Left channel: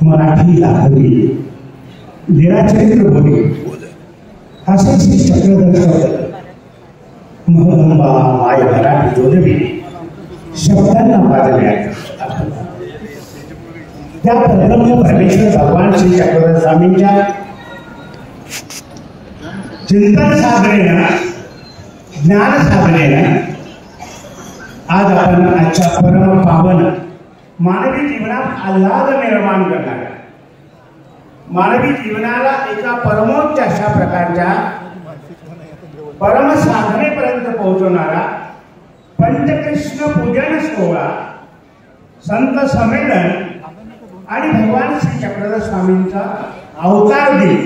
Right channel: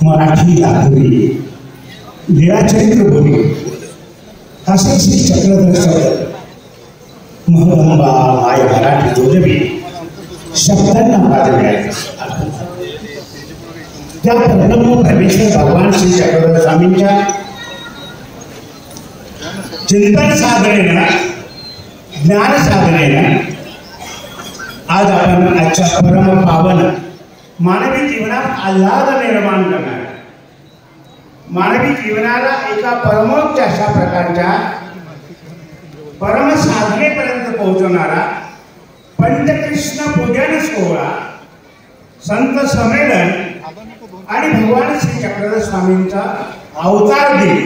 मराठी दाखवी लीळाचरित्र बोली असे श्री चक्रधर शब्द महदंबा माय मराठी जोडवी शब्दांना प्राधान्य मिळाले। त्या परब्रह्म परमेश्वर भगवान श्री चक्रधर स्वामींच्या चिंतन साधनेनं ज्ञान साधनेनं आज आपण आजच्या परम पावन मानवी जीवनात आल्हाद निर्माण करणार, मानवी जीवनाला एका परमोच्च अशा प्रकारच्या परम साधनेपर्यंत पोहोचवणारा पंचकृष्ण पूजन सोहळा, संत संमेलन आणि भगवान श्री चक्रधर स्वामींचा अवतार दिन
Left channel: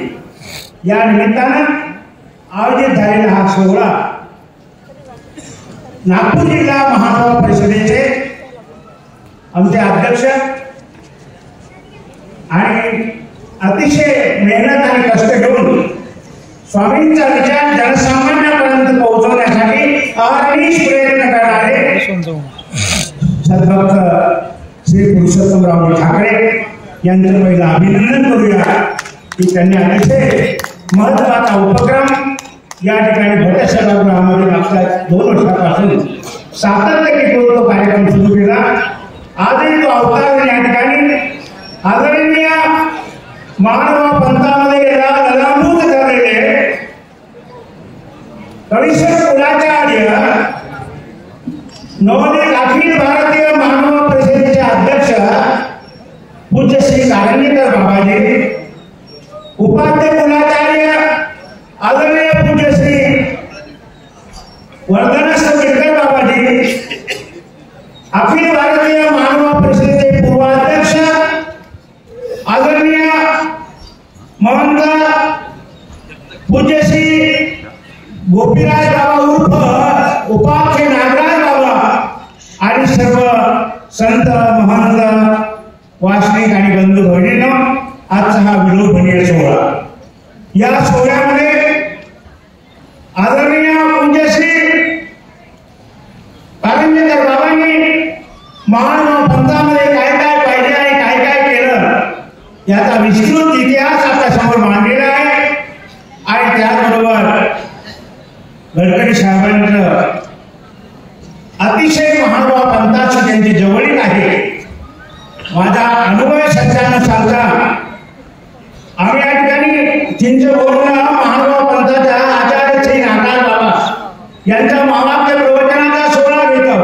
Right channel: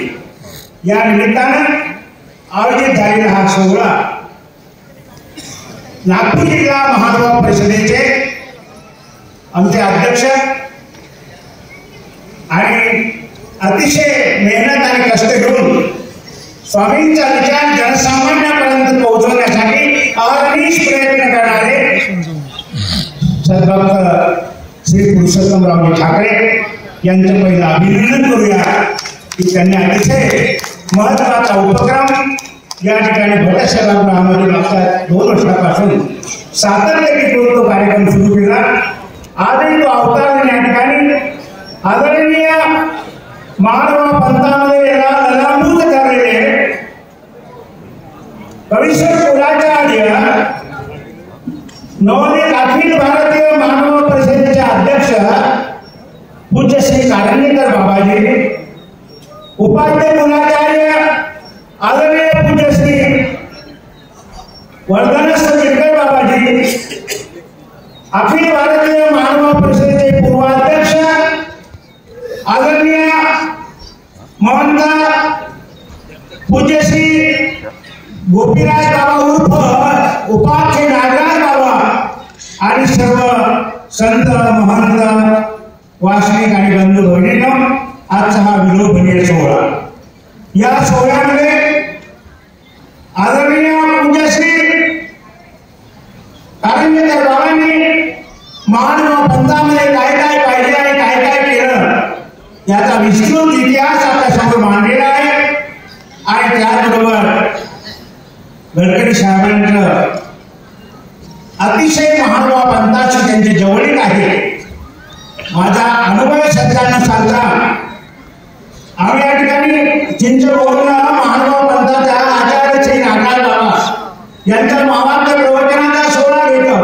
या निमित्तानं आयोजित झालेला हा सोहळा नागपूर जिल्हा महासभा परिषदेचे आमचे अध्यक्ष आणि अतिशय मेहनत आणि कष्ट घेऊन स्वामींचा विचार जनसामान्यापर्यंत पोहोचवण्यासाठी अहर्निश प्रयत्न करणारे सद्भक्त श्री पुरुषोत्तमराव ठाकरे यांचं पहिलं अभिनंदन करूया की त्यांनी अतिशय महत्वाचा उपक्रम या ठिकाणी भट सभागृहामध्ये मागच्या 2 वर्षापासून सातत्याने तो कार्यक्रम सुरू केला। आजही तो अवतार या ठिकाणी आदरणीय मानव पंथामध्ये ललांबूत झालेले कविश्वर कुलाचार्य नवनीत अखिल भारतीय मानव परिषदेचे अध्यक्ष पूज्य श्री कारंजेकर बाबाजी, उपाध्य कुलाचार्य आदरणीय पूज्य श्री वर्धनस गिरकर बाबाजी, अखिल भारतीय मानव परिषदेचे पूर्वाध्यक्ष आदरणीय महंत पूज्य श्री गोपीराज बाबा उर्फ उपाध्य नागराज बाबा आणि सर्व संत महंत वासनिक आणि बंधू भगिनींनो, आजचा हा विलोभनीय सोहळा, या सोहळ्यामध्ये आदरणीय पूज्य श्री कारंजेकर बाबांनी मानव पंथामध्ये काय काय पाहिजे आणि काय काय केलं याचा विस्तृत इतिहास आपल्या समोर मांडलेला आहे। आणि त्याचबरोबर गडकरी साहेबांचं अतिशय महानुभाव पंथाची त्यांची जवळीक आहे। माझा अनुभव सत्यानं सांगता आम्ही या ठिकाणी चिंचवडला महानुभाव पंथाचा आचार्य श्री नागराज बाबा यांच्या मामाच्या प्रवचनाचा सोहळा घेतो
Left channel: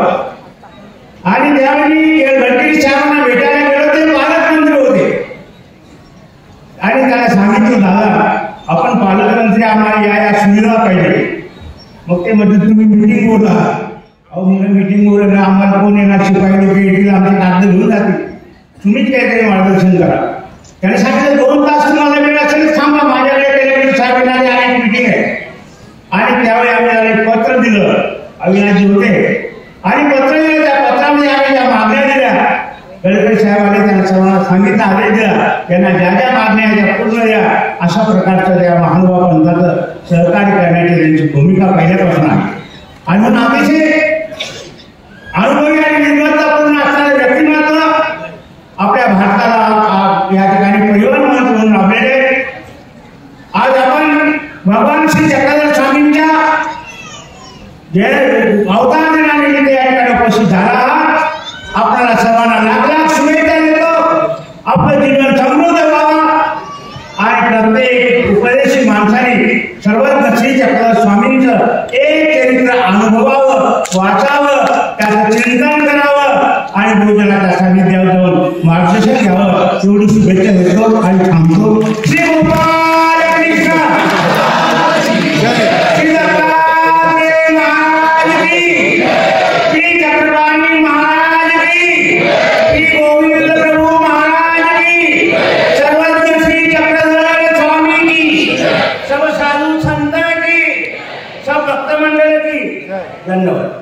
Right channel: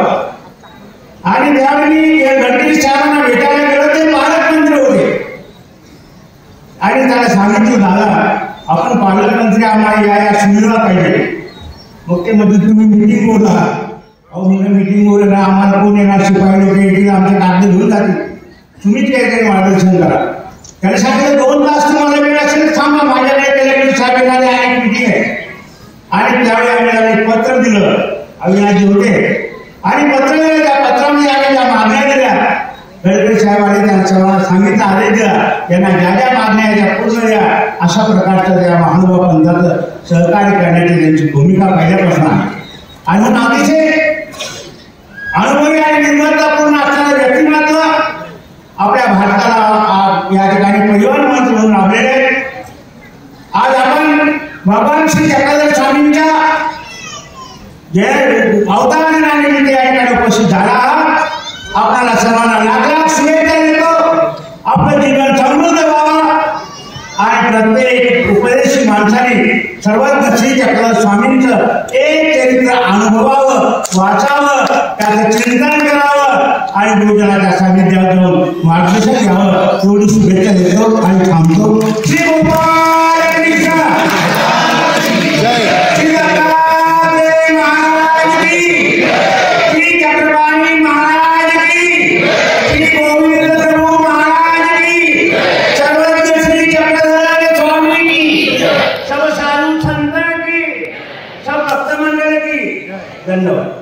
आणि त्यावेळी गडकरी साहेबांना भेटायला गेलो ते पालकमंत्री होते आणि त्याला सांगितलं, दादा आपण पालकमंत्री आम्हाला या सुविधा पाहिजे। मग ते म्हणजे तुम्ही मिटिंग बोला, अहो म्हणजे मिटिंग बोललं ना आम्हाला कोण येणार, शिपाई लोक येतील, आमचे कागद घेऊन जातील, तुम्हीच काहीतरी मार्गदर्शन करा। त्याने सांगितलं 2 तास तुम्हाला वेळ असेल थांबा, माझ्याकडे केल्याकडे साहेब येणारे आहे, मिटिंग आहे। आणि त्यावेळी आम्ही पत्र दिलं, अविनाशजी होते आणि पत्र दिलं, त्या पत्रामध्ये आम्ही ज्या मागण्या दिल्या गडकरी साहेब आले, त्यांना सांगितलं आदेश दिला त्यांना ज्या ज्या मागण्या त्या पूर्ण द्या, अशा प्रकारचं त्या महानुभाव पंथाचं सहकार्य करण्याची त्यांची भूमिका पहिल्यापासून आहे। अजून अतिशय अनुभवी आणि निर्मातापूर्ण असलेलं व्यक्तिमत्व आपल्या भारताला या ठिकाणी परिवहन मंत्री म्हणून लाभलेले। आज आपण भगवान श्री चक्रधर स्वामींच्या जे अवतार दिनानिमित्त या ठिकाणी उपस्थित झाला आहात। आपल्याला सर्वांना लाख शुभेच्छा देतो, आपलं जीवन समृद्ध व्हावं आणि प्रत्येक उपदेशी माणसाने सर्वज्ञ श्री चक्रधर स्वामींचं एक चरित्र अनुभवावं, वाचावं, त्याचं चिंतन करावं आणि गुरुजनाच्या सानिध्यात जाऊन मार्गदर्शन घ्यावं, एवढी शुभेच्छा देतो आणि थांबतो। श्री गोपाल कृष्ण महाराज की, श्री चक्रपाणी महाराज की, श्री गोविंद प्रभु महाराज की, सर्वज्ञ श्री चक्रधर स्वामी की, सब साधु संत की, सब भक्त मंडळ की। धन्यवाद।